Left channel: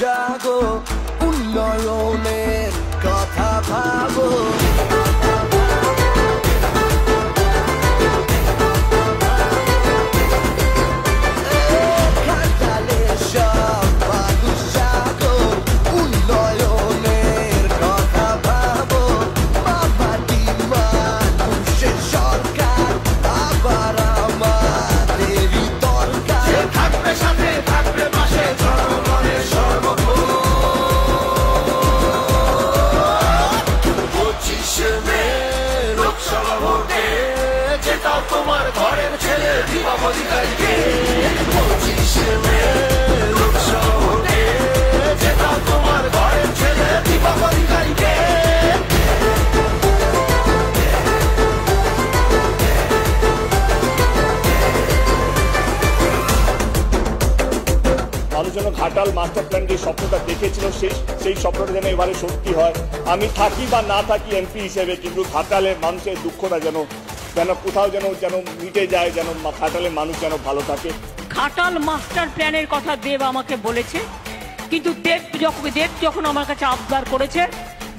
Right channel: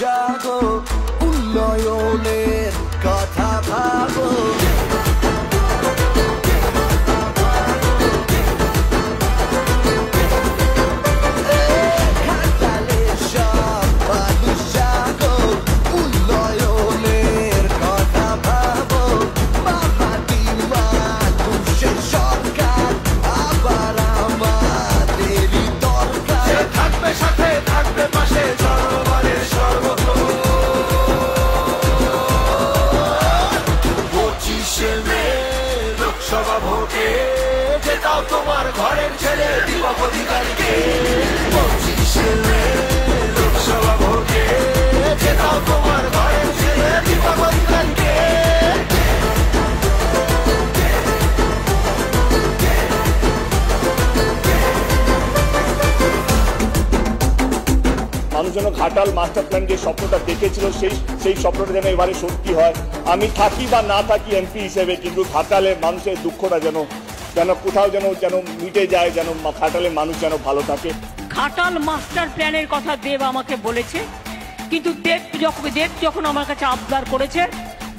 জাগো, উন্নয়নের কথা ভাবো। ঘাটালের সব মানুষ জাগো, উন্নয়নের কথা ভাবো। মামাটি মানুষের সরকার আবার আমাদেরই দরকার। থাকবে সাথে, থাকবে পাশে, জনগণের সর্বক্ষণ। 25শে মে লোকসভা ভোটে জেতাও তোমার ঘরের ছেলে দীপক অধিকারীকে। 25শে মে লোকসভা ভোটে জেতাও তোমার ঘরের ছেলে দীপক অধিকারীকে। মানুষ যেন ঘাটাল মাস্টার প্ল্যান যে স্বপ্নটা দেখেছিল সেই স্বপ্নটা যেন এবারে সত্যি হয়। আমি থাকি বা না থাকি এমপি হিসেবে, কিন্তু ঘাটালের মানুষের দুঃখটা যেন কোথাও যেন মিটে যায়, যেন ঘাটালের মানুষ যেন ভালো থাকে। ঘাটাল মাস্টার প্ল্যানের কথা দেব আমাকে বলেছে, কিন্তু দেব যখন আমার কাছে আবদার করেছে,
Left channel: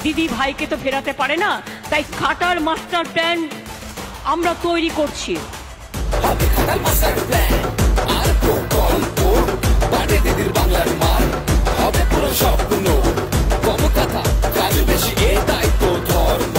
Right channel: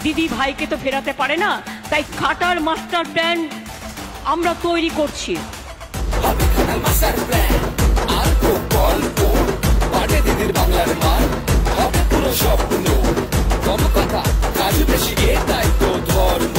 দিদি ভাইকে তো ফেরাতে পারে না, তাই ঘাটাল মাস্টার প্ল্যান আমরা তৈরি করছি। হবে ঘাটাল মাস্টার প্ল্যান আর প্রকল্প, বাড়ে দিদির বাংলার মান, হবে পুরো স্বপ্ন, কম কথা কাজ বেশি, এটাই তো ধর্ম।